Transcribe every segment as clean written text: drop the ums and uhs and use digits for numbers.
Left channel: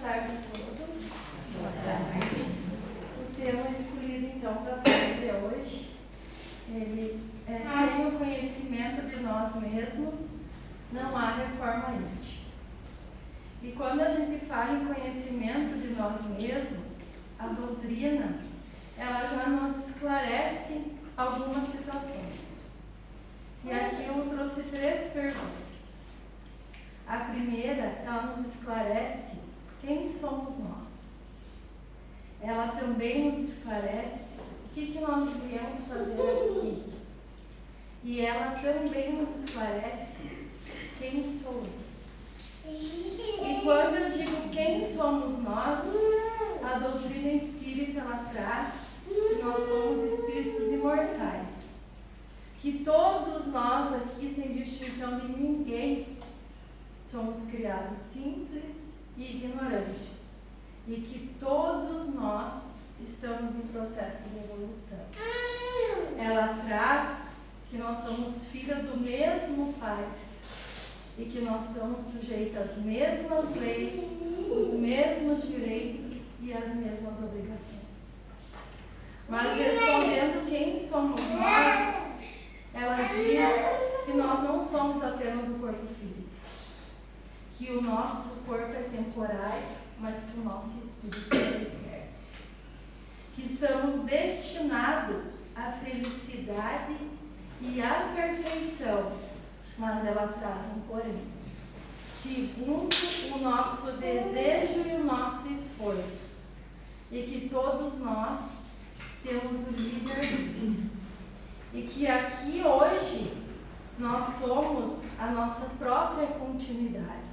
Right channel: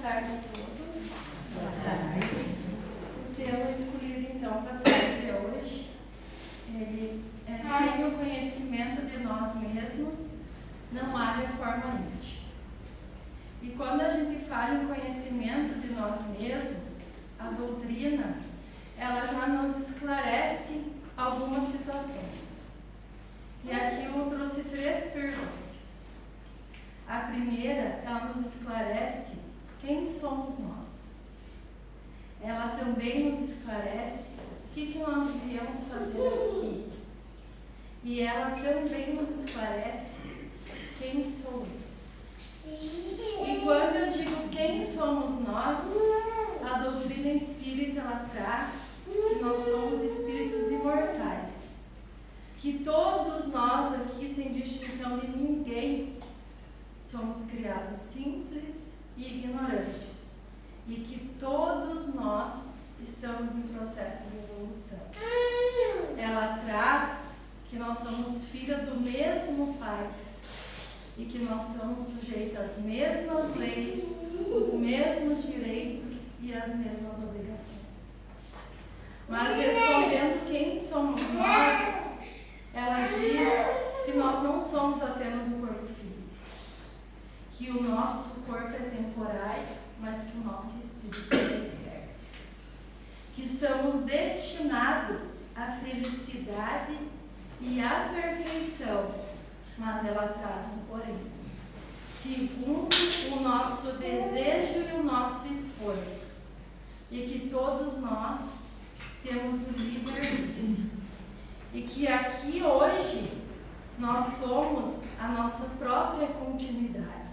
tarde a todos. Boa tarde. O tema escolhido então para a tarde de hoje, ele é: sem o conhecimento de nós mesmos, não há reforma íntima. E quando a gente fala em conhecimento de nós mesmos, a doutrina, ela já nos esclarece algumas situações. E aqui eu trouxe 3 perguntas. A primeira, ela nos esclarece quem somos nós. Ela também nos esclarece o que nós viemos fazer aqui. E ela também nos esclarece quem sou eu. E quando eu digo quem somos nós, a doutrina espírita ela traz que nós somos espíritos imortais. Que todos nós aqui, sem distinção de ninguém, somos criados simples e ignorantes. E que todos nós estamos em processo de evolução. Ela traz que nós somos filhos do mesmo Pai. E que nós estamos sujeitos às mesmas leis, os mesmos direitos e as mesmas obrigações. Mas respondendo quem somos nós, ela diz que nós não somos apenas o corpo físico, que o nosso corpo é temporário, mas que o nosso espírito é eterno, que estamos destinados à felicidade e à perfeição, mas ela traz um porém, segundo o nosso desejo e o nosso esforço, e que todos nós temos o livre-arbítrio, e que aqui hoje nós somos a nossa própria continuidade,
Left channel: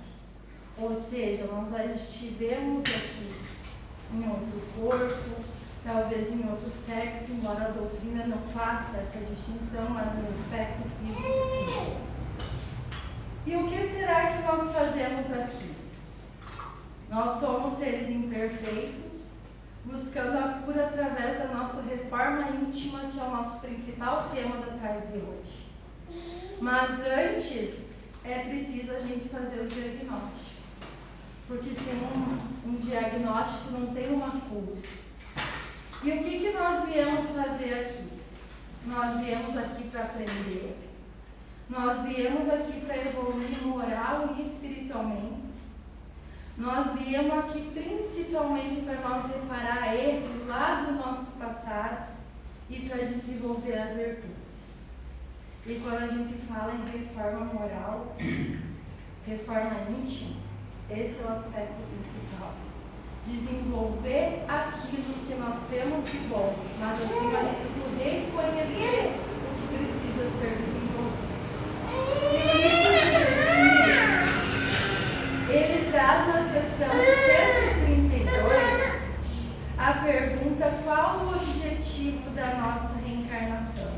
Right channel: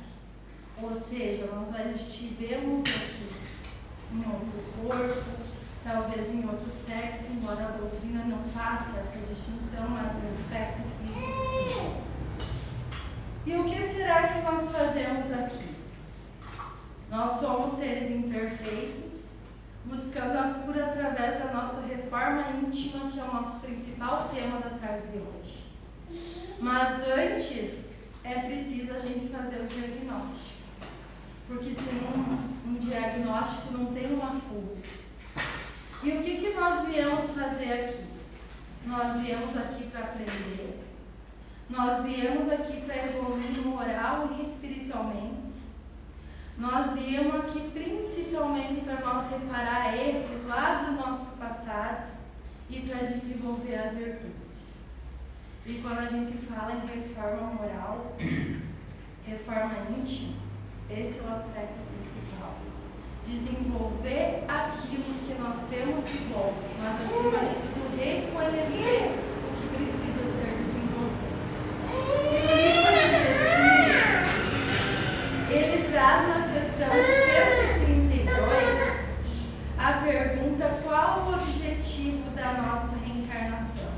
ou seja, nós já estivemos aqui em outro corpo, talvez em outro sexo, embora a doutrina não faça essa distinção, mas no aspecto físico sim. E o que será que nós fazemos aqui? Nós somos seres imperfeitos, buscando a cura através da nossa reforma íntima, que é o nosso principal tema da tarde de hoje. Mas antes, é preciso a gente fazer o diagnóstico. Porque sem um diagnóstico não tem uma cura. E o que nós viemos fazer aqui? Nós viemos aqui para aprender. Nós viemos aqui para evoluir moral e espiritualmente. Nós viemos aqui principalmente para nós reparar erros lá do nosso passado e para desenvolver as virtudes. E quando a gente fala em reforma moral, reforma íntima, esse é o aspecto principal. Desenvolver aquilo que nós temos de bom, mas acima de tudo reconhecer o que precisa ser desenvolvido. E o livro dos Espíritos, ele traz na questão 132 a pergunta: qual o objetivo da nossa reencarnação?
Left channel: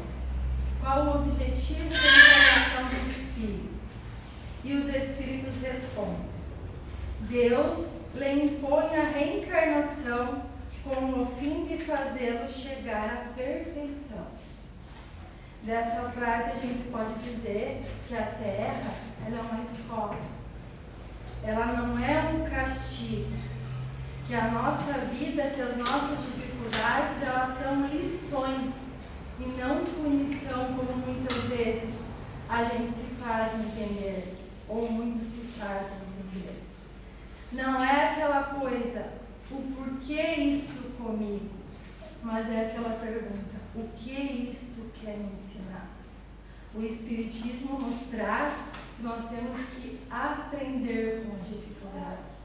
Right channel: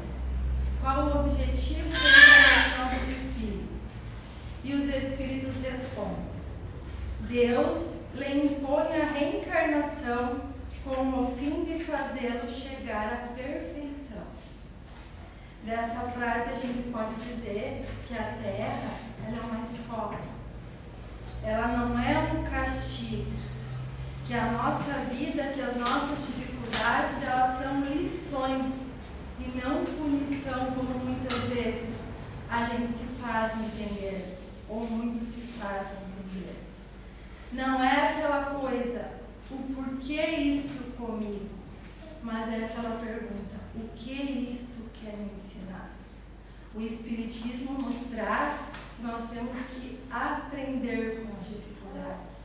Qual o objetivo da encarnação dos Espíritos? E os Espíritos respondem: Deus lhe impõe a reencarnação com o fim de fazê-lo chegar à perfeição. Dessa frase a gente pode dizer que a Terra ela é uma escola. Ela não é um castigo. Que a nossa vida, que as nossas dificuldades, elas são lições e não punição, como muitas vezes a gente se faz entender, ou muitos se fazem entender. Não é aquela coisa, o porquê isso comigo, mas é aquela pergunta: o que isto quer me ensinar? O Espiritismo nos traz que nós temos que aprender com as dificuldades.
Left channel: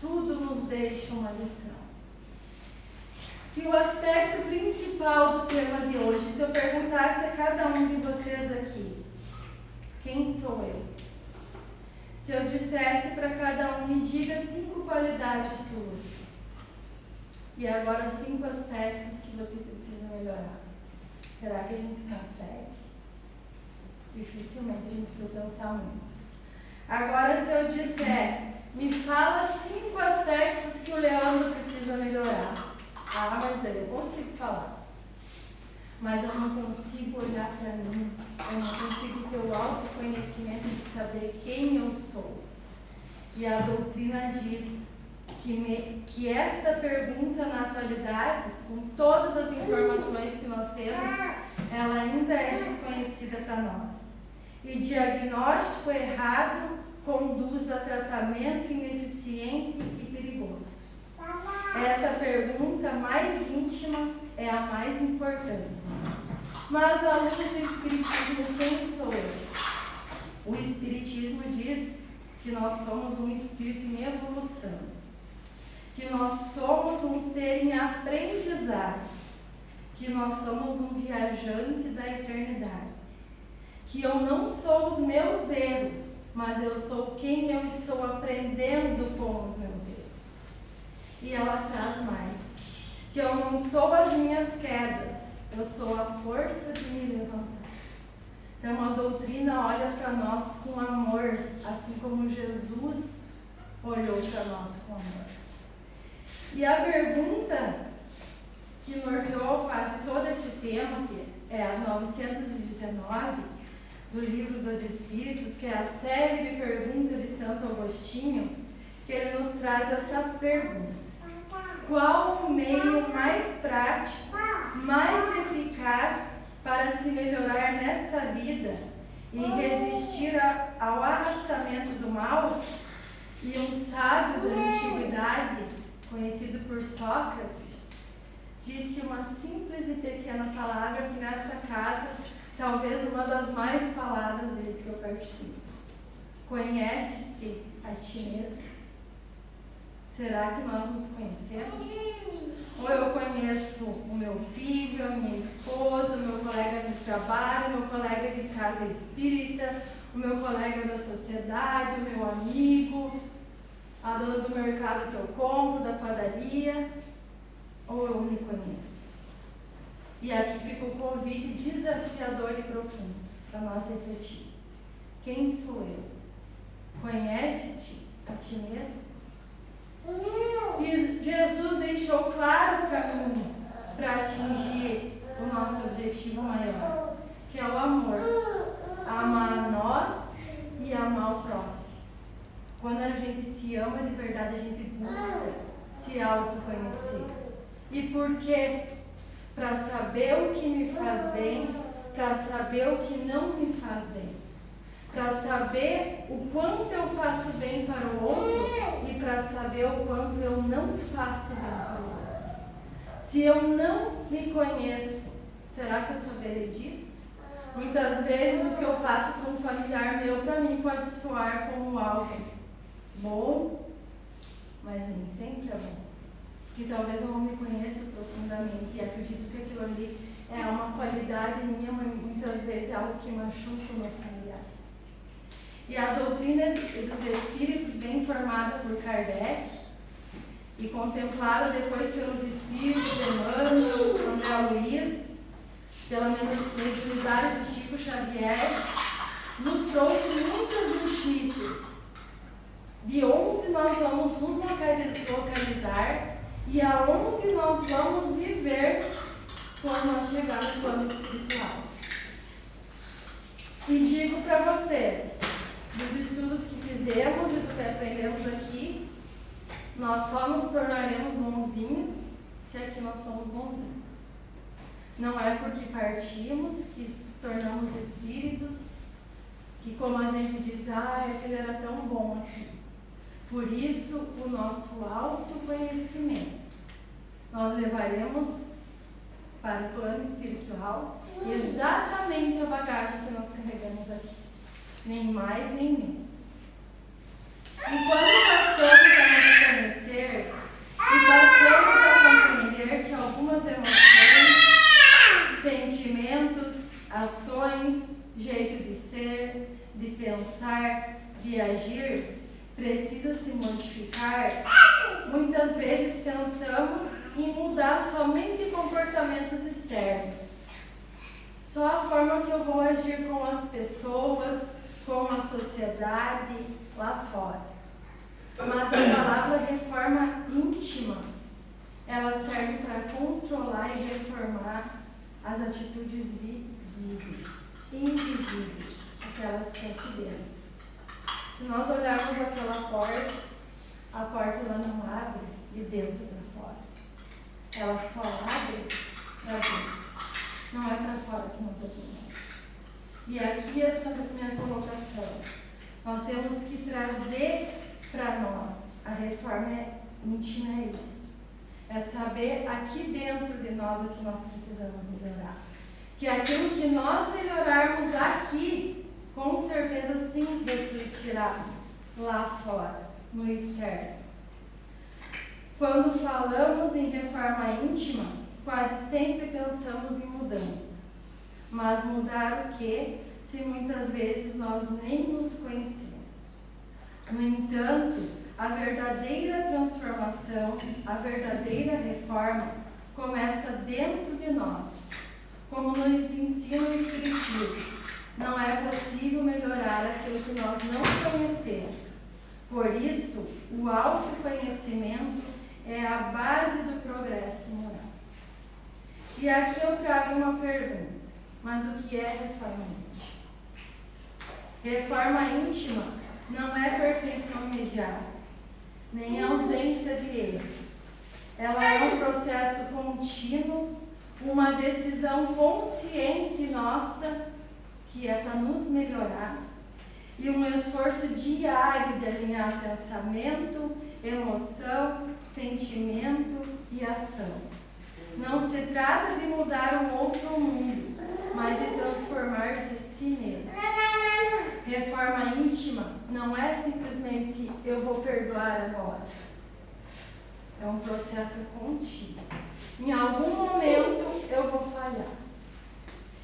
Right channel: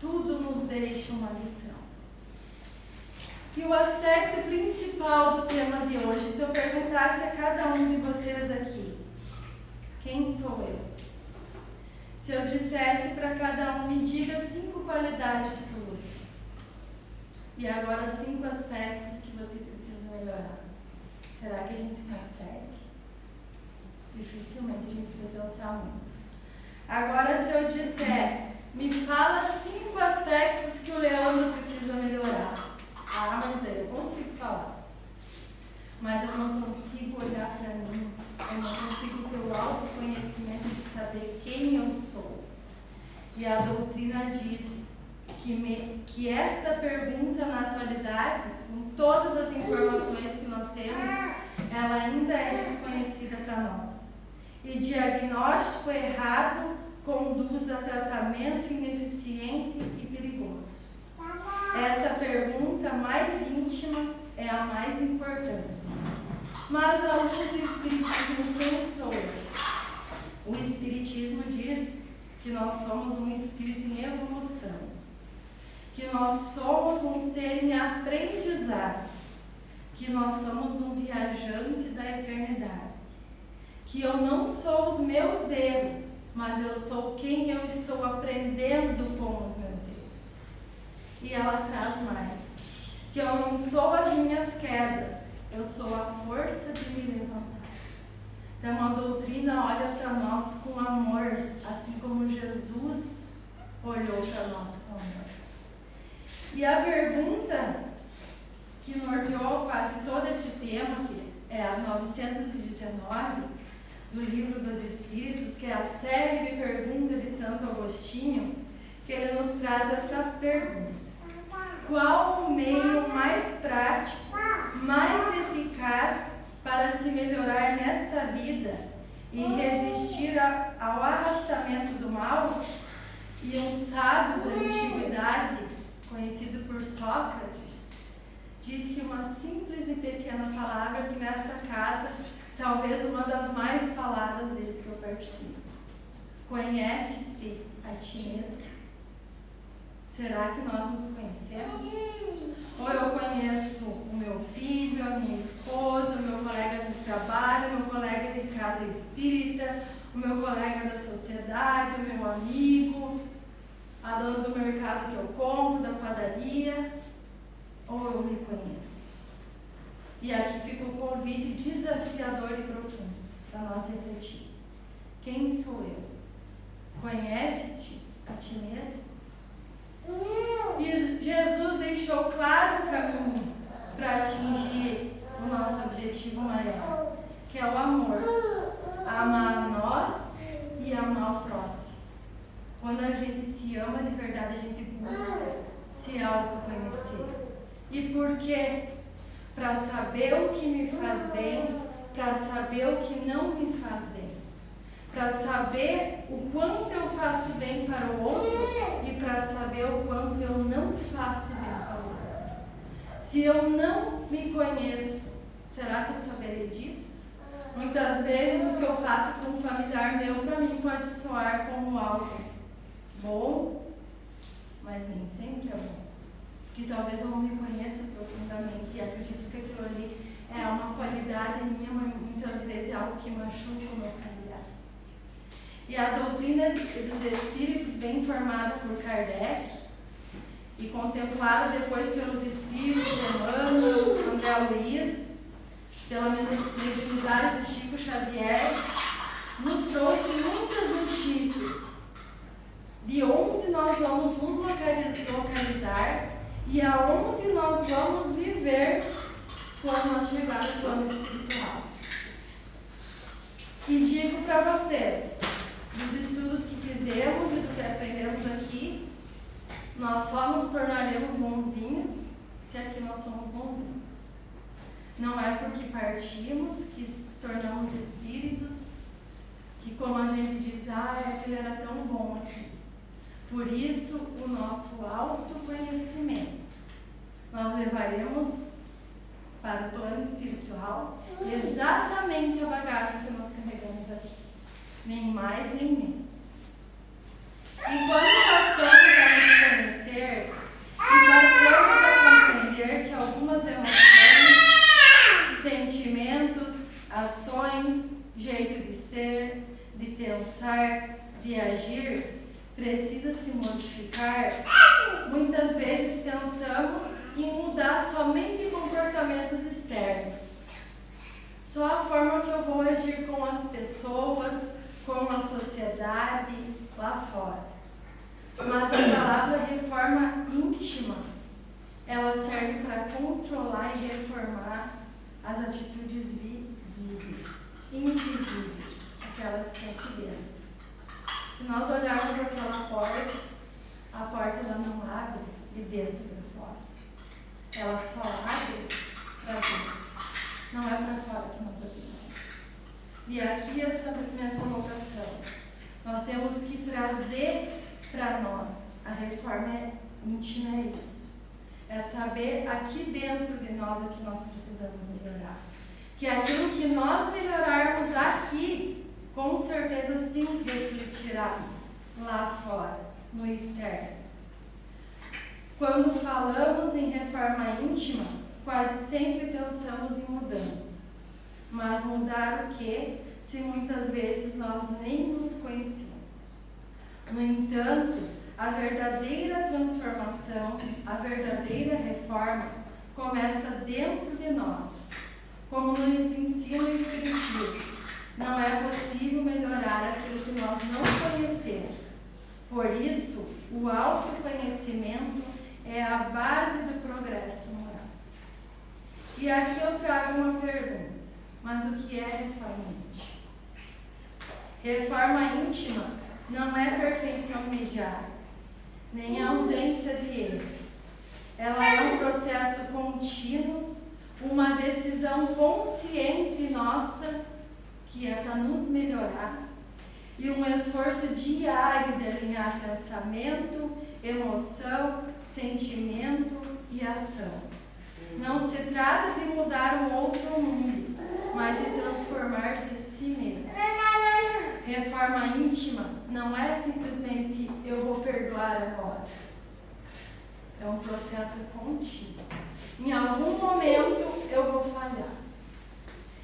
Tudo nos deixa uma lição. E o aspecto principal do tema de hoje, se eu perguntasse a cada um de vocês aqui: quem sou eu? Se eu dissesse para cada um, me diga 5 qualidades suas. E agora 5 aspectos que você precisa melhorar. Será que a gente consegue? Dificilmente a gente precisa pensar muito. Agora se eu disser, me fala 5 aspectos que o Leandro precisa melhorar. Ah, mas daí eu consigo falar. Mas eu não consigo olhar para mim, eu não consigo ter o autoconhecimento de saber quem eu sou. E a doutrina diz que esta pergunta na atualidade, com todas as informações que nós temos, ela ainda é desconhecida para nós. E diagnóstico errado conduz a tratamento ineficiente e perigoso. Essa pergunta mais íntima é a mais importante. Mas à luz do Espiritismo, quem sou eu? O Espiritismo diz que nós somos um espírito em evolução, que nós somos um ser em aprendizado, que nós somos um viajante da eternidade, que eu não sou os meus erros, mas eu sou quem eu estou aprendendo com os meus erros. E ela traz mais, que eu não sou as minhas quedas, eu sou a força de me levantar. Então a doutrina olha para nós com amor, assim como Jesus olhou para nós com amor. E a pergunta que norteou quase todo esse tema, que é a 919 do Livro dos Espíritos, que é a série de perguntas de Santo Agostinho, que ele nos traz essa pergunta: qual o meio mais prático, mais eficaz para se melhorar nesta vida e resistir ao arrastamento do mal? E um sábio da antiguidade, conhecido por Sócrates, disse uma simples e pequena palavra que nesta casa, talvez uma das mais faladas desde que eu participo: conhece-te a ti mesmo. Será que nós nos conhecemos? Ou eu conheço o meu filho, a minha esposa, o meu colega de trabalho, o meu colega de casa espírita, o meu colega da sociedade, o meu amigo, a dona do mercado que eu compro, da padaria? Ou eu me conheço? E aqui fica o convite desafiador e profundo para nós refletir. Quem sou eu? Conhece-te a ti mesmo? E Jesus deixou claro o caminho para atingir o nosso objetivo maior, que é o amor. Amar a nós e amar o próximo. Quando a gente se ama de verdade, a gente busca se autoconhecer. E por quê? Para saber o que me faz bem, para saber o que não me faz bem, para saber o quanto eu faço bem para o outro e para saber o quanto eu não faço bem para o outro. Se eu não me conheço, será que eu saberei disso? Muitas vezes o que eu faço para um familiar meu, para mim, pode soar como algo bom, mas nem sempre é bom. Porque talvez eu não me conheça profundamente e acredito que aquilo ali é uma qualidade minha, mas muitas vezes é algo que machuca o meu familiar. E a doutrina dos Espíritos, bem formada por Kardec e contemplada depois pelos Espíritos Emmanuel, André Luiz, pela mediunidade de Chico Xavier, nos trouxe muitas notícias de onde nós vamos nos localizar e aonde nós vamos viver quando nós chegarmos no plano espiritual. E digo para vocês, dos estudos que fizemos e do que aprendemos aqui, nós só nos tornaremos bonzinhos se aqui nós somos bonzinhos. Não é porque partimos que nos tornamos espíritos, que como a gente diz, aquele era tão bom aqui. Por isso, o nosso autoconhecimento nós levaremos para o plano espiritual exatamente a bagagem que nós carregamos aqui. Nem mais, nem menos. E quando passamos a nos conhecer e passamos a compreender que algumas emoções, sentimentos, ações, jeito de ser, de pensar, de agir, precisa se modificar, muitas vezes pensamos em mudar somente comportamentos externos. Só a forma que eu vou agir com as pessoas, com a sociedade lá fora. Mas a palavra reforma íntima, ela serve para controlar e reformar as atitudes visíveis, invisíveis, aquelas que estão aqui dentro. Se nós olharmos aquela porta, a porta ela não abre de dentro para fora. Ela só abre para dentro. Não é para fora que nós abrimos. E aqui essa minha colocação. Nós temos que trazer para nós. A reforma íntima é isso. É saber aqui dentro de nós o que nós precisamos melhorar. Que aquilo que nós melhorarmos aqui, com certeza sim refletirá lá fora, no externo. Quando falamos em reforma íntima, quase sempre pensamos em mudança. Mas mudar o quê, se muitas vezes nós nem nos conhecemos? No entanto, a verdadeira transformação, a verdadeira reforma, começa dentro de nós. Como nos ensina o Espiritismo, não é possível melhorar aquilo que nós não conhecemos. Por isso, o autoconhecimento é a base do progresso moral. E aqui eu trago uma pergunta. Mas o que é reforma íntima? Reforma íntima não é perfeição imediata, nem ausência de erro. Ela é um processo contínuo, uma decisão consciente nossa, que é para nos melhorar, e um esforço diário de alinhar pensamento, emoção, sentimento e ação. Não se trata de mudar um outro mundo, mas de transformar-se em si mesmo. Reforma íntima não é simplesmente eu vou perdoar agora. É um processo contínuo. Em algum momento eu vou falhar.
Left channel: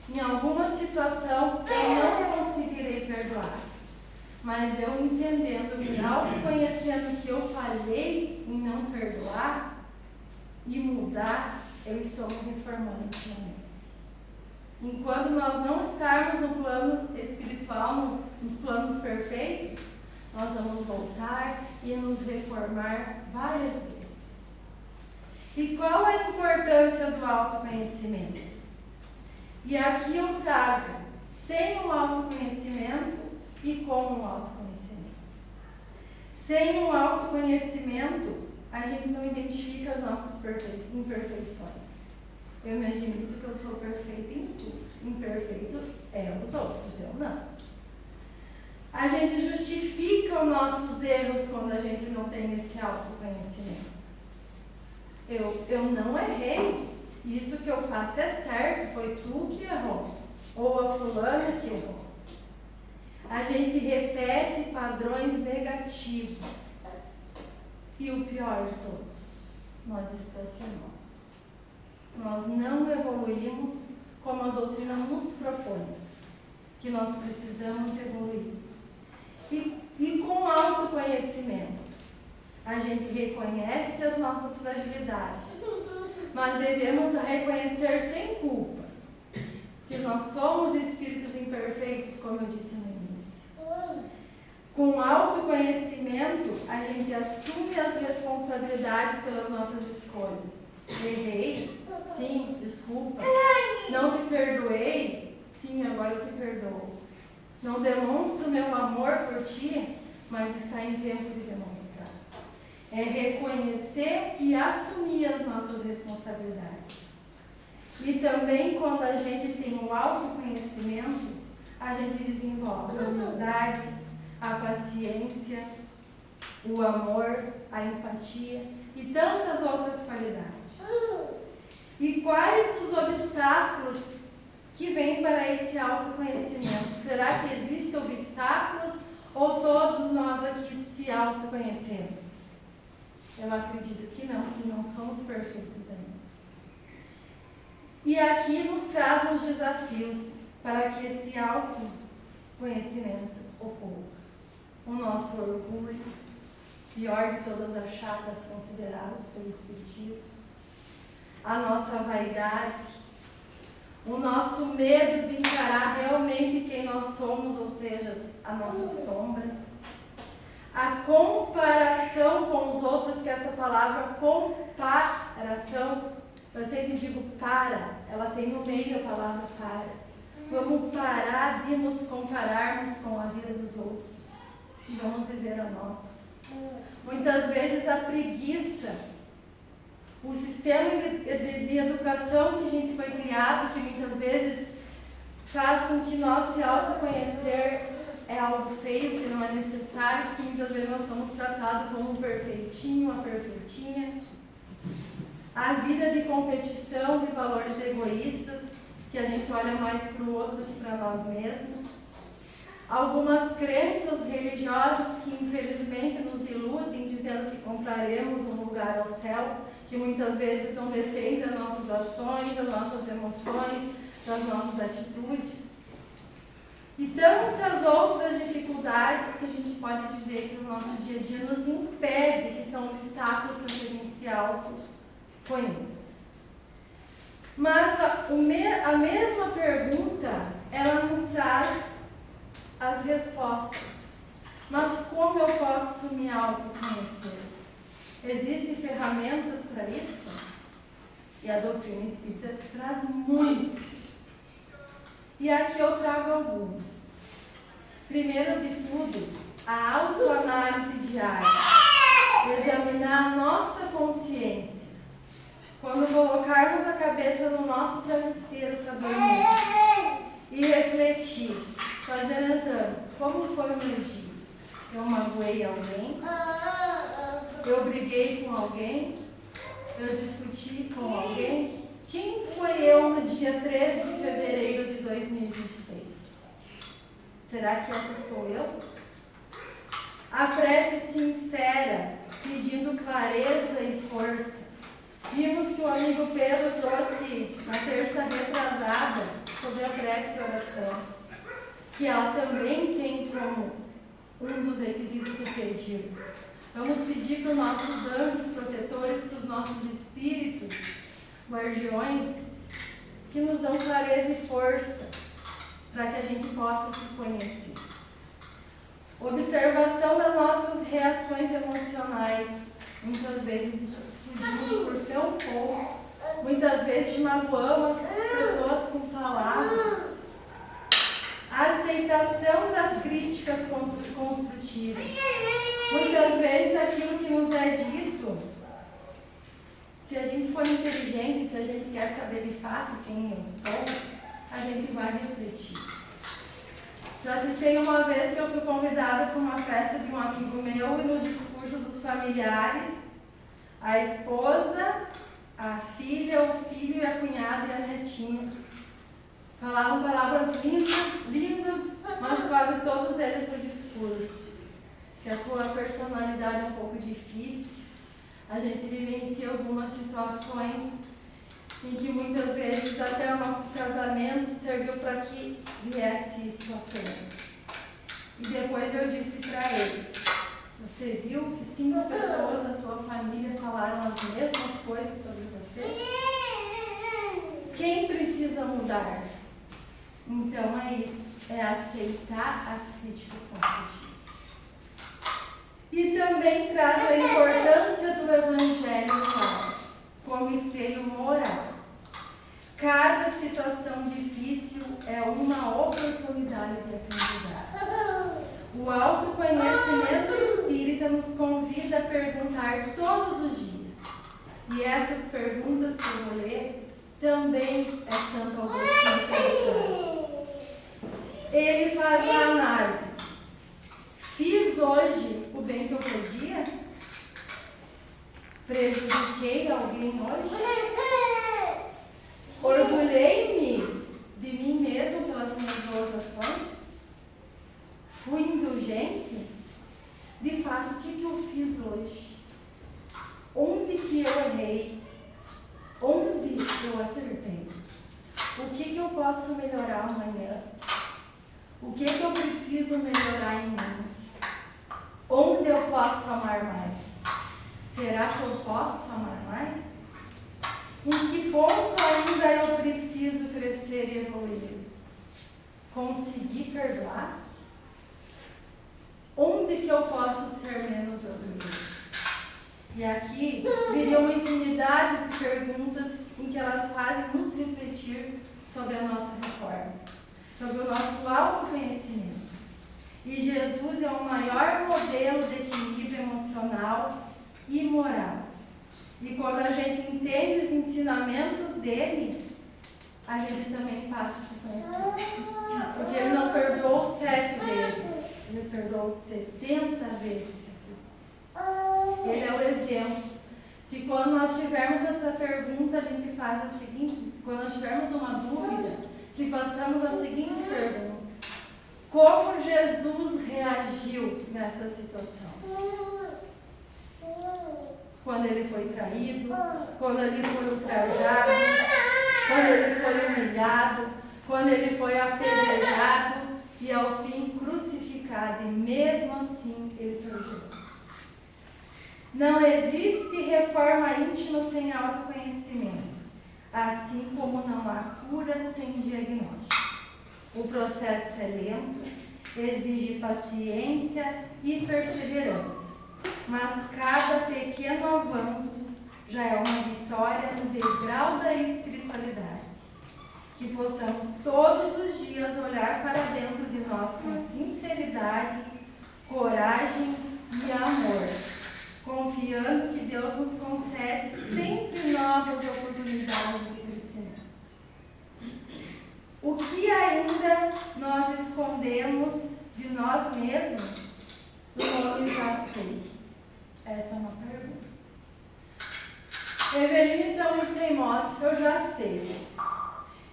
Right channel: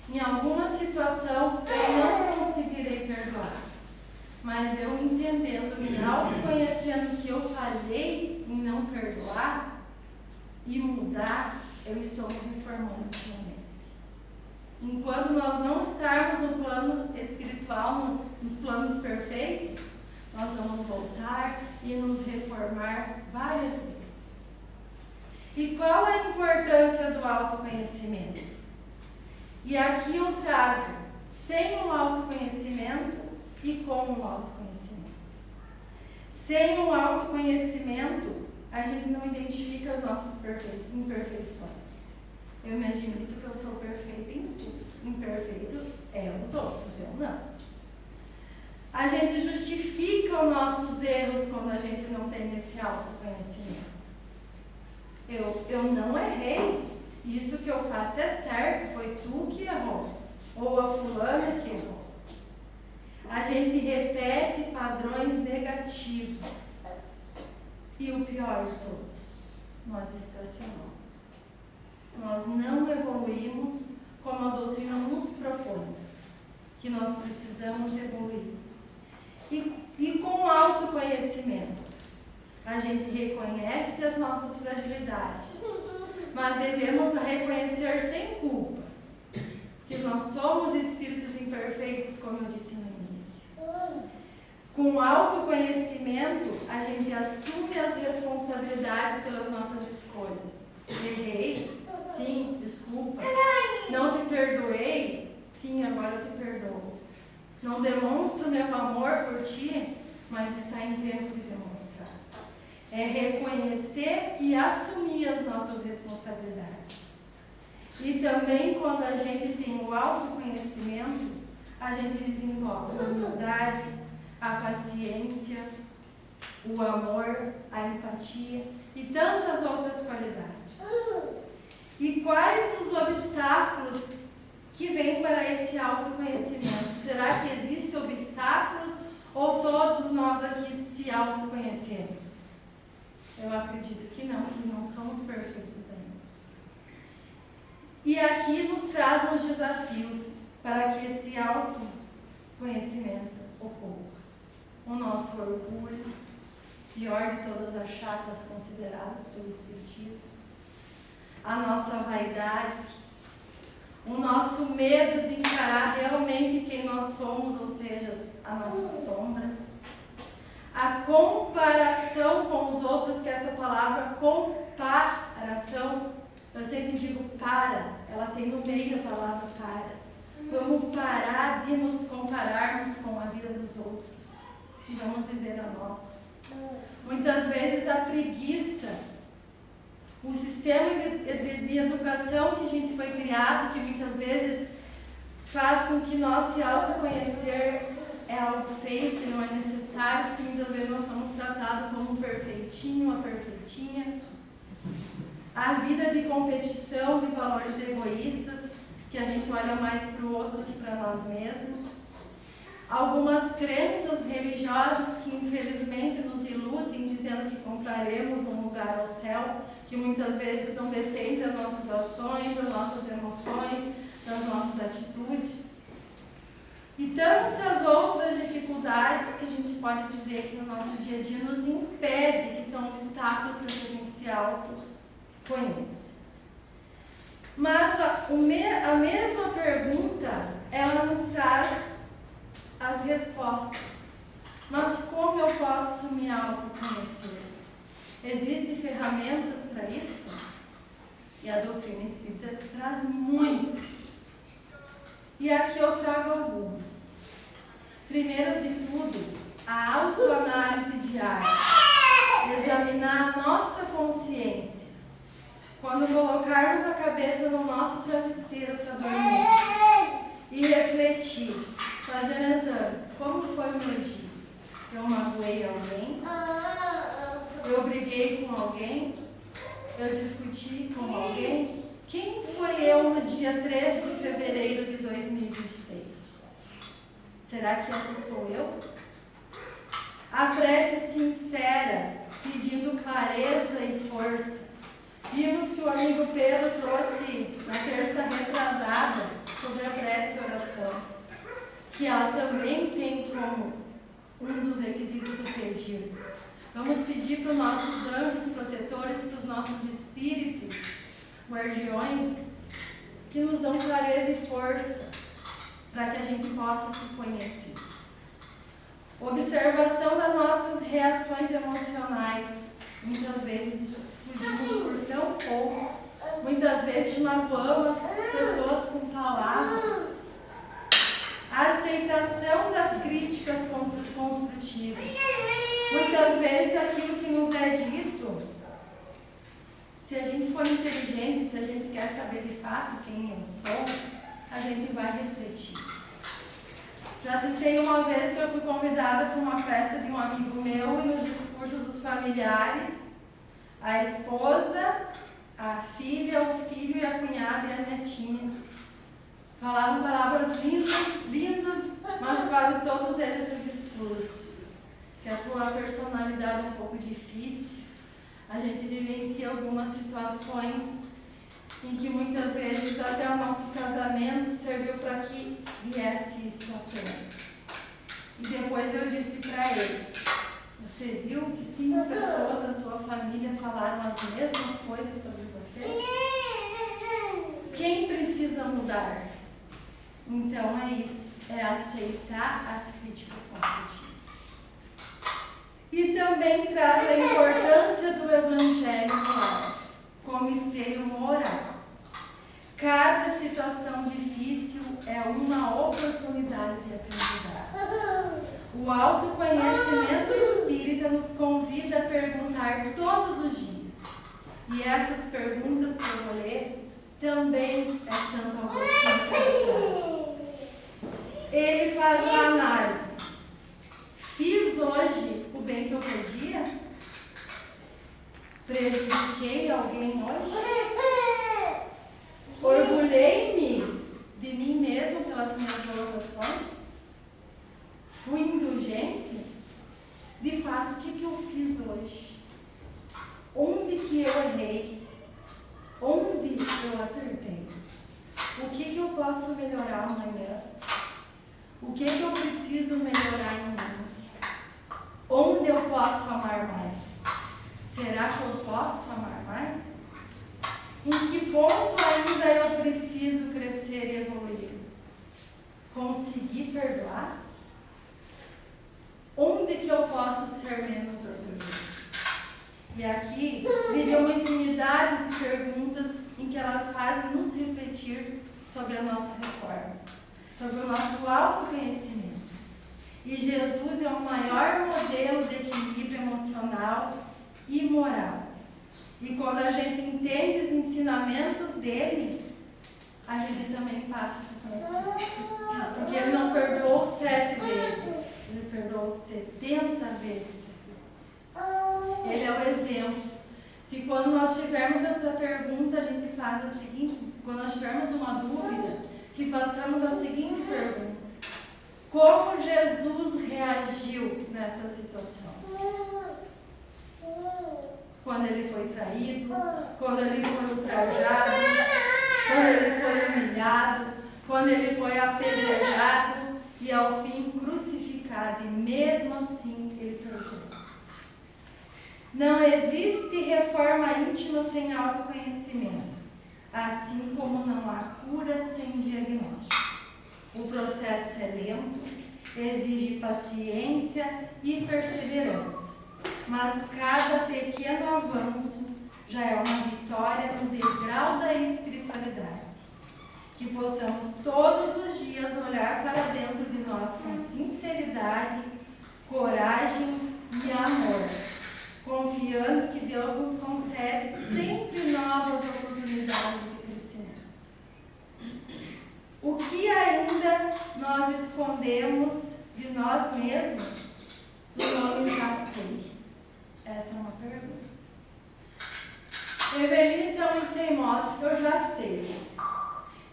Em alguma situação eu não conseguirei perdoar. Mas eu entendendo, me autoconhecendo que eu falhei em não perdoar e mudar, eu estou me reformando intimamente. Enquanto nós não estarmos no plano espiritual, nos planos perfeitos, nós vamos voltar e nos reformar várias vezes. E qual a importância do autoconhecimento? E aqui eu trago sem o autoconhecimento e com o autoconhecimento. Sem o autoconhecimento, a gente não identifica as nossas imperfeições. Eu me admito que eu sou perfeita em tudo. Imperfeito é os outros, eu não. A gente justifica os nossos erros quando a gente não tem esse autoconhecimento. Eu não errei. Isso que eu faço é certo. Foi tu que errou. Ou a fulana que errou. A gente repete padrões negativos. E o pior de todos, nós estacionamos. Nós não evoluímos como a doutrina nos propõe, que nós precisamos evoluir. E com autoconhecimento, a gente reconhece as nossas fragilidades, mas devemos reconhecer sem culpa, que nós somos espíritos imperfeitos, como eu disse no início. Com autoconhecimento, a gente assume as responsabilidades pelas nossas escolhas. Errei? Sim, desculpa. Não te perdoei? Sim, agora eu te perdoo. Não demonstro meu amor por ti, mas está em tempo de demonstrar. É reconhecer e assumir as nossas responsabilidades. E também quando a gente tem o autoconhecimento, a gente desenvolve a humildade, a paciência, o amor, a empatia e tantas outras qualidades. E quais os obstáculos que vêm para esse autoconhecimento? Será que existem obstáculos ou todos nós aqui se autoconhecemos? Eu acredito que não somos perfeitos ainda. E aqui nos traz os desafios para que esse autoconhecimento ocorra. O nosso orgulho, pior de todas as chacras consideradas pelo Espiritismo, a nossa vaidade, o nosso medo de encarar realmente quem nós somos, ou seja, as nossas sombras, a comparação com os outros, que essa palavra comparação, eu sempre digo para, ela tem no meio a palavra para. Vamos parar de nos compararmos com a vida dos outros e vamos viver a nós. muitas vezes a preguiça, o sistema de educação que a gente foi criado, que muitas vezes faz com que nós se autoconhecer é algo feio, que não é necessário, que muitas vezes nós somos tratados como um perfeitinho, uma perfeitinha. A vida de competição, de valores egoístas, que a gente olha mais para o outro do que para nós mesmos. Algumas crenças religiosas que infelizmente nos iludem, dizendo que compraremos um lugar ao céu, que muitas vezes não depende das nossas ações, das nossas emoções, das nossas atitudes. E tantas outras dificuldades que a gente pode dizer que no nosso dia a dia nos impede, que são obstáculos para que a gente se autoconheça. Mas a mesma pergunta, ela nos traz as respostas. Mas como eu posso me autoconhecer? Existem ferramentas para isso? E a doutrina espírita traz muitas. E aqui eu trago algumas. Primeiro de tudo, a autoanálise diária. Examinar a nossa consciência. Quando colocarmos a cabeça no nosso travesseiro para dormir e refletir, fazer um exame. Como foi o meu dia? Eu magoei alguém? Eu briguei com alguém? Eu discuti com alguém? Quem foi eu no dia 13 de fevereiro de 2026? Será que essa sou eu? A prece sincera, pedindo clareza e força. Vimos que o amigo Pedro trouxe na terça retrasada sobre a prece e oração, que ela também tem como um dos requisitos o pedir. Vamos pedir para os nossos anjos protetores, para os nossos espíritos, guardiões, que nos dão clareza e força para que a gente possa se conhecer. Observação das nossas reações emocionais. Muitas vezes explodimos por tão pouco, muitas vezes magoamos as pessoas com palavras. A aceitação das críticas construtivas. Muitas vezes aquilo que nos é dito, se a gente for inteligente, se a gente quer saber de fato quem eu sou, a gente vai refletir. Já citei uma vez que eu fui convidada para uma festa de um amigo meu e no discurso dos familiares, a esposa, a filha, o filho e a cunhada e a netinha falavam palavras lindas, mas quase todos eles no discurso. Que a tua personalidade é um pouco difícil, a gente vivencia algumas situações em que muitas vezes até o nosso casamento serviu para que viesse isso à tona. E depois eu disse para ele, você viu que 5 pessoas da tua família falaram as mesmas coisas sobre você? Quem precisa mudar? Então é isso, é aceitar as críticas construtivas. E também traz a importância do Evangelho claro, como espelho moral. Cada situação difícil é uma oportunidade de aprendizado. O autoconhecimento espírita nos convida a perguntar todos os dias. E essas perguntas que eu vou ler também é Santo Agostinho que traz. Ele faz a análise. Fiz hoje o bem que eu podia? Prejudiquei alguém hoje? Orgulhei-me de mim mesmo pelas minhas boas ações? Fui indulgente? De fato, o que eu fiz hoje? Onde que eu errei? Onde eu acertei? O que eu posso melhorar amanhã? O que eu preciso melhorar em mim? Onde eu posso amar mais? Será que eu posso amar mais? Em que ponto ainda eu preciso crescer e evoluir? Conseguir perdoar? Onde que eu posso ser menos orgulhoso? E aqui viria uma infinidade de perguntas em que elas fazem nos refletir sobre a nossa reforma, sobre o nosso autoconhecimento. E Jesus é o maior modelo de equilíbrio emocional e moral. E quando a gente entende os ensinamentos dele, a gente também passa a se conhecer. Porque ele não perdoou 7 vezes, ele perdoou 70 vezes. Ele é o exemplo. Se quando nós tivermos essa pergunta, a gente faz a seguinte, quando nós tivermos uma dúvida, que façamos a seguinte pergunta: como Jesus reagiu nessa situação? Quando ele foi traído, quando ele foi ultrajado, quando ele foi humilhado, quando ele foi apedrejado e ao fim crucificado, e mesmo assim ele perdoou. Não existe reforma íntima sem autoconhecimento, assim como não há cura sem diagnóstico. O processo é lento, exige paciência e perseverança, mas cada pequeno avanço já é uma vitória no degrau da espiritualidade. Que possamos todos os dias olhar para dentro de nós com sinceridade, coragem e amor, confiando que Deus nos concede sempre novas oportunidades de crescimento. O que ainda nós escondemos de nós mesmos do nome já sei? Essa é uma pergunta. Eveline é muito teimosa, eu já sei.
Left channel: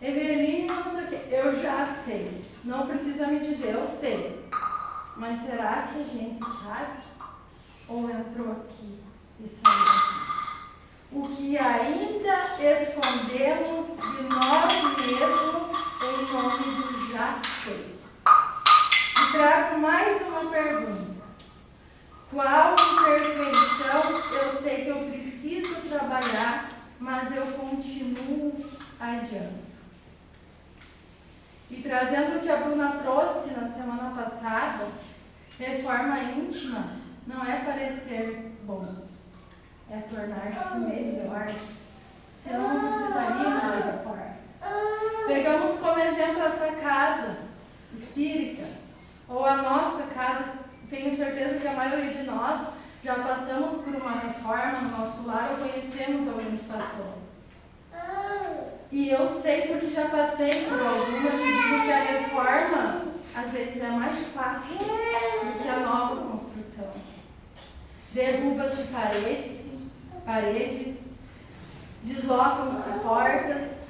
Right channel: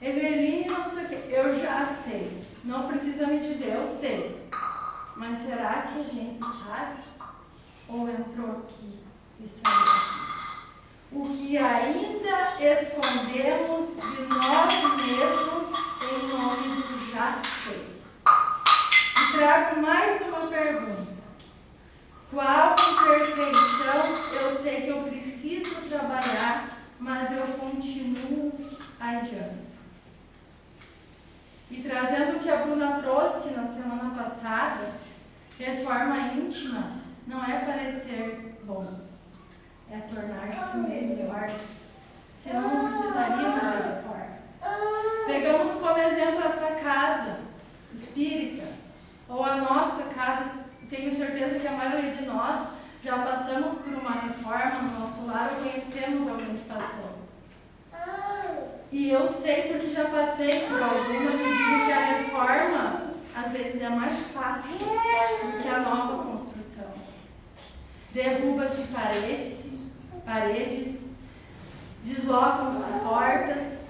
Eveline não sei o que, eu já sei. Não precisa me dizer, eu sei. Mas será que a gente sabe? Ou entrou aqui e saiu aqui? O que ainda escondemos de nós mesmos em nome do já sei. E trago mais uma pergunta. Qual imperfeição eu sei que eu preciso trabalhar, mas eu continuo adiante? E trazendo o que a Bruna trouxe na semana passada, reforma íntima não é parecer bom, é tornar-se melhor. Senão não precisaríamos de reforma. Pegamos como exemplo essa casa espírita, ou a nossa casa. Tenho certeza que a maioria de nós já passamos por uma reforma no nosso lar ou conhecemos alguém que passou. E eu sei porque já passei por algumas e digo que a reforma às vezes é mais fácil do que a nova construção. Derruba-se paredes, deslocam-se portas,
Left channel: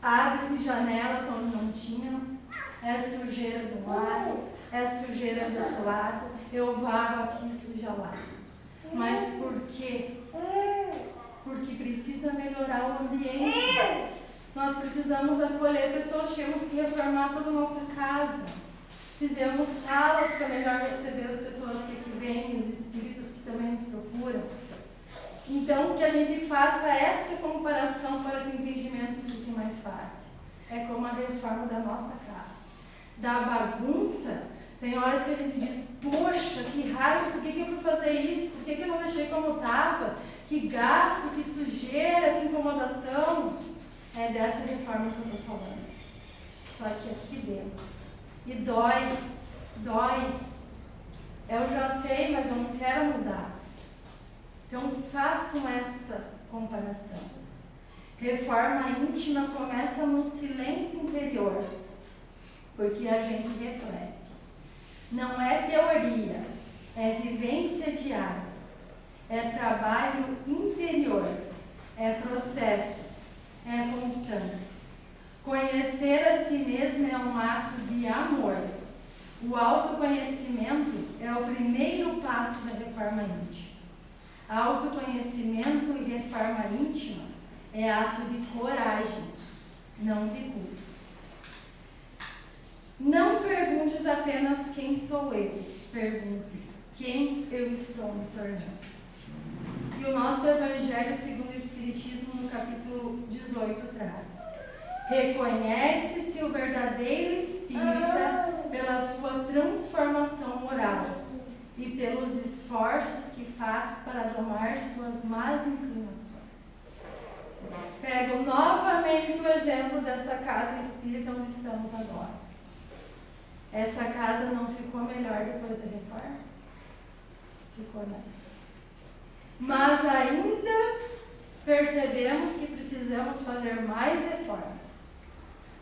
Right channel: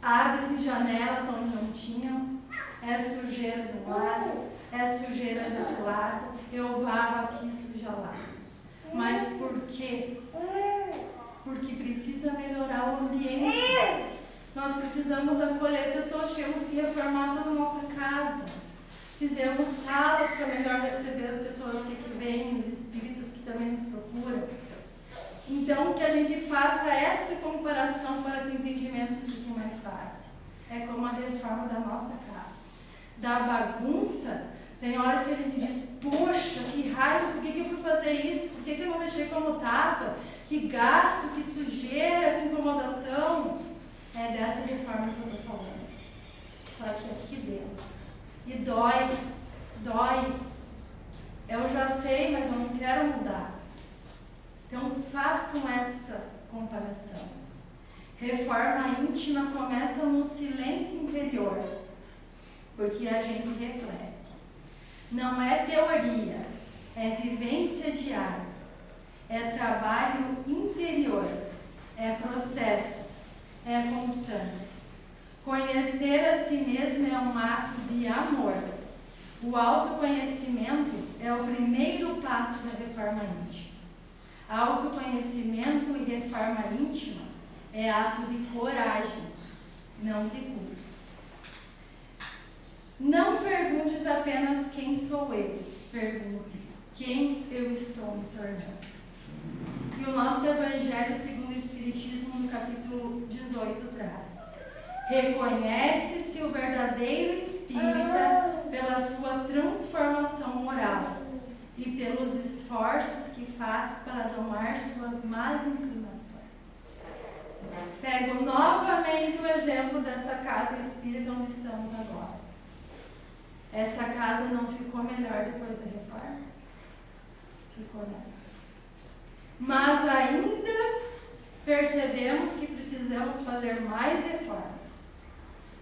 abre-se janelas onde não tinham, é sujeira de um lado, é sujeira do outro lado, eu varro aqui, suja lá. Mas por quê? Porque precisa melhorar o ambiente. Nós precisamos acolher pessoas, temos que reformar toda a nossa casa. Fizemos salas para melhor receber as pessoas que aqui vêm, os espíritos que também nos procuram. Então, que a gente faça essa comparação para que o entendimento fique mais fácil. É como a reforma da nossa casa. Da bagunça, tem horas que a gente diz, poxa, que raiva, por que eu fui fazer isso? Por que eu não deixei como estava? Que gasto, que sujeira, que incomodação. É dessa reforma que eu estou falando. Só que aqui dentro. E dói. Eu já sei, mas eu não quero mudar. Então façam essa comparação. Reforma íntima começa no silêncio interior, porque a gente reflete. Não é teoria, é vivência diária, é trabalho interior, é processo, é constância. Conhecer a si mesmo é um ato de amor. O autoconhecimento é o primeiro passo da reforma íntima. Autoconhecimento e reforma íntima é ato de coragem, não de culto. Não perguntes apenas quem sou eu, pergunte quem eu estou me tornando. E o nosso Evangelho segundo o Espiritismo, no capítulo 18, traz: reconhece-se o verdadeiro espírita pela sua transformação moral e pelos esforços que faz para domar suas más inclinações. Pego novamente o exemplo dessa casa espírita onde estamos agora. Essa casa não ficou melhor depois da reforma? Ficou não. Mas ainda percebemos que precisamos fazer mais reformas.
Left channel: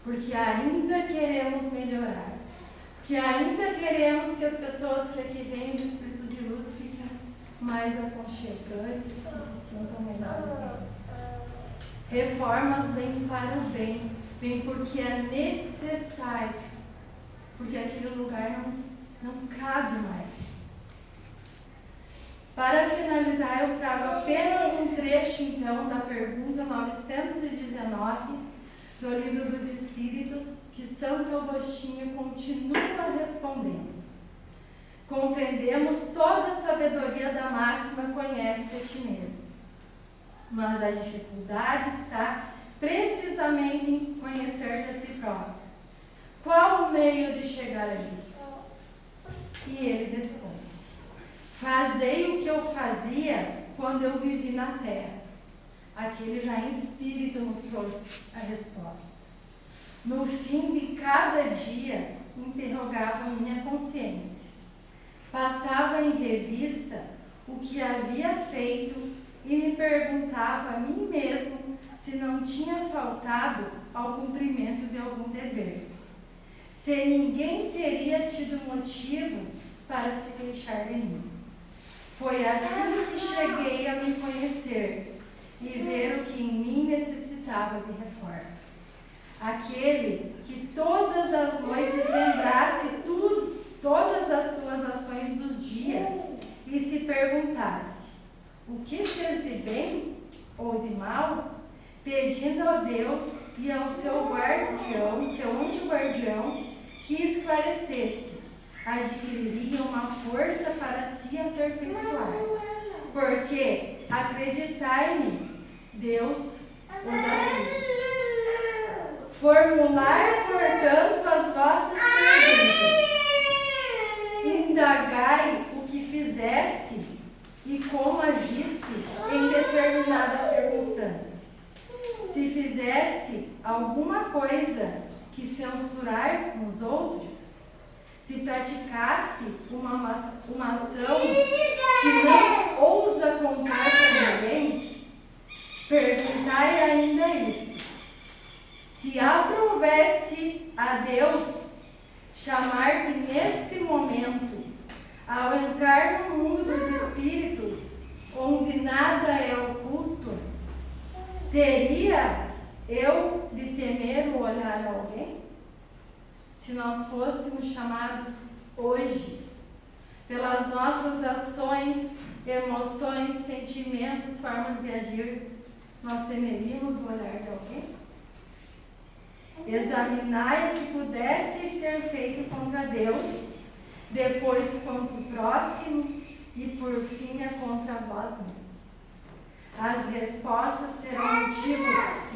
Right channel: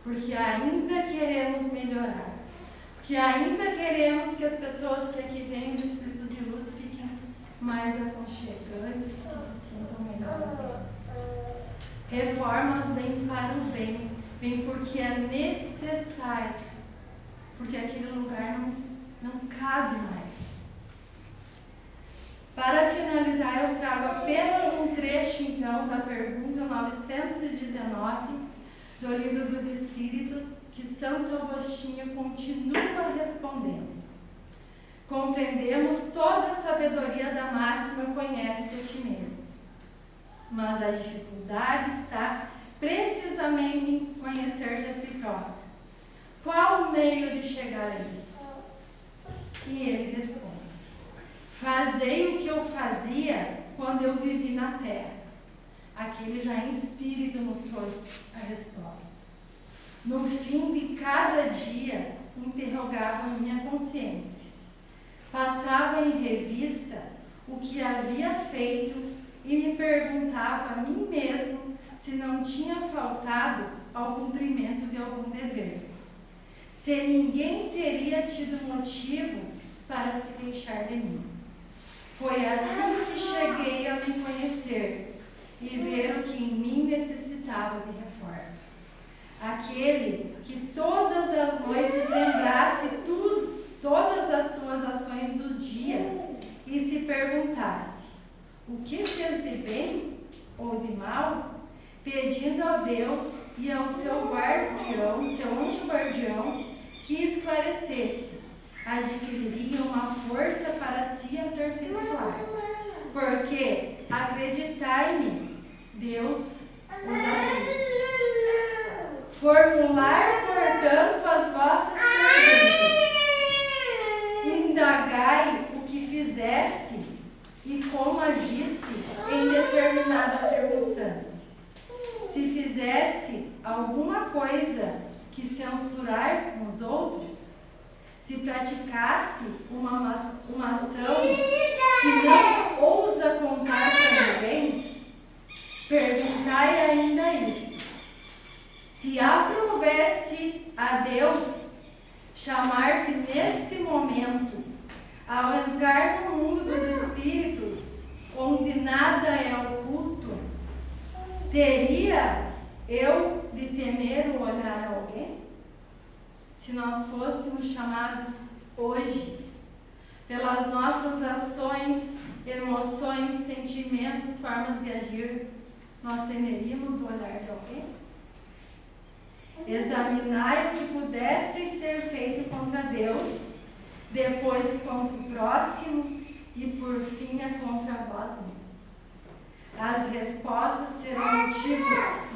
Porque ainda queremos melhorar. Porque ainda queremos que as pessoas que aqui vêm, os espíritos de luz, fiquem mais aconchegantes, que se sintam melhores ainda. Reformas vêm para o bem, vêm porque é necessário, porque aquele lugar não cabe mais. Para finalizar, eu trago apenas um trecho, então, da pergunta 919 do Livro dos Espíritos, que Santo Agostinho continua respondendo. Compreendemos toda a sabedoria da máxima, conhece-te a ti mesmo. Mas a dificuldade está precisamente em conhecer-te a si próprio. Qual o meio de chegar a isso? E ele responde: fazei o que eu fazia quando eu vivi na terra. Aqui ele já em espírito nos trouxe a resposta. No fim de cada dia, interrogava minha consciência. Passava em revista o que havia feito e me perguntava a mim mesmo se não tinha faltado ao cumprimento de algum dever. Se ninguém teria tido motivo para se queixar de mim. Foi assim que cheguei a me conhecer e ver o que em mim necessitava de reforma. Aquele que todas as noites lembrasse todas as suas ações do dia e se perguntasse: o que fez de bem ou de mal? Pedindo a Deus e ao seu guardião, seu anjo guardião, que esclarecesse, adquiriria uma força para se aperfeiçoar. Porque, acreditai-me, Deus os assiste. Formular, portanto, as vossas perguntas. Indagai o que fizeste e como agiste em determinada circunstância. Se fizeste alguma coisa que censurar nos outros, se praticaste uma ação que não ousa contar para ninguém, perguntai ainda isto: se aprovesse a Deus chamar-te neste momento, ao entrar no mundo dos espíritos, onde nada é oculto, teria eu de temer o olhar a alguém? Se nós fôssemos chamados hoje, pelas nossas ações, emoções, sentimentos, formas de agir, nós temeríamos o olhar de alguém? Examinai o que pudesseis ter feito contra Deus, depois contra o próximo e por fim é contra vós mesmos. As respostas serão motivo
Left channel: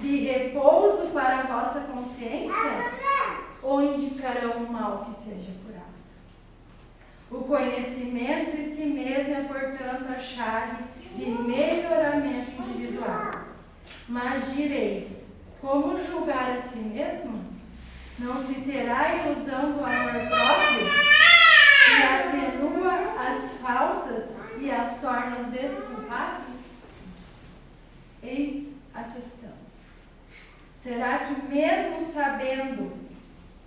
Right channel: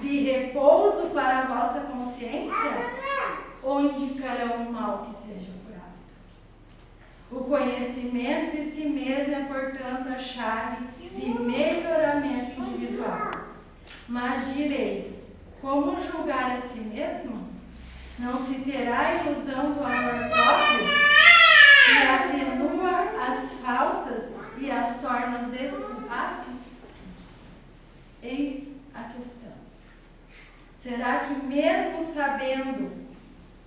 de repouso para a vossa consciência ou indicarão um mal que seja curado? O conhecimento de si mesmo é, portanto, a chave de melhoramento individual. Mas direis: como julgar a si mesmo? Não se terá ilusão do amor próprio que atenua as faltas e as torna desculpáveis? Eis a questão. Será que mesmo sabendo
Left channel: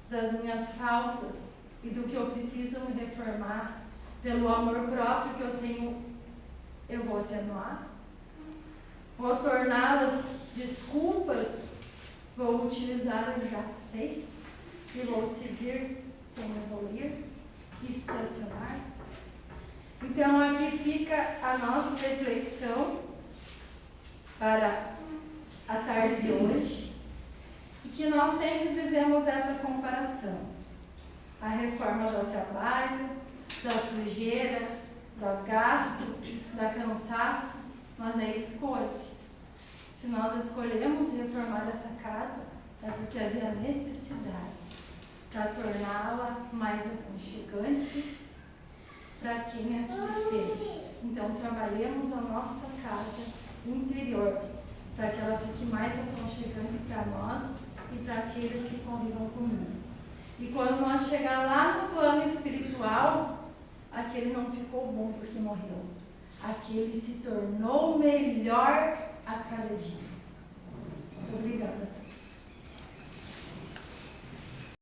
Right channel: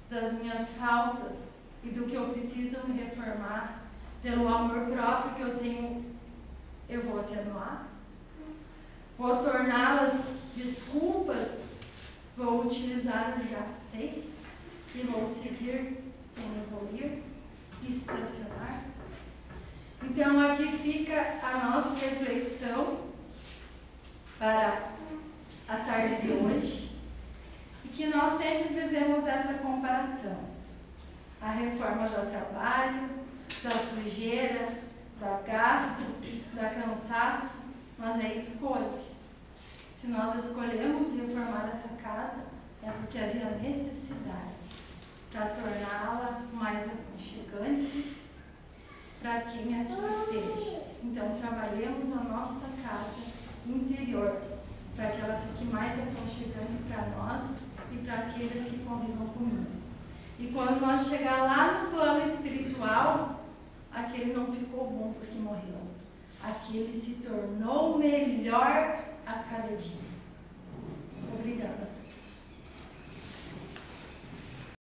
das minhas faltas e do que eu preciso me reformar, pelo amor próprio que eu tenho, eu vou atenuar? Vou torná-las desculpas? Vou utilizar o já sei? E vou seguir sem evoluir? Estacionar? Então aqui fica a nossa reflexão para a tarde de hoje, e que nós sempre fizemos essa comparação: a reforma do trabalho, da sujeira, do gasto, do cansaço, mas é escolha. Se nós escolhemos reformar essa casa, é porque havia necessidade para torná-la mais aconchegante para quem aqui esteja. Então trabalhemos a nossa casa interior, para que ela fique mais aconchegante para nós e para aqueles que convivam comigo. E quando nós chegar lá no plano espiritual, aquele não ficou bom porque morreu. Aquele se tornou melhor a cada dia.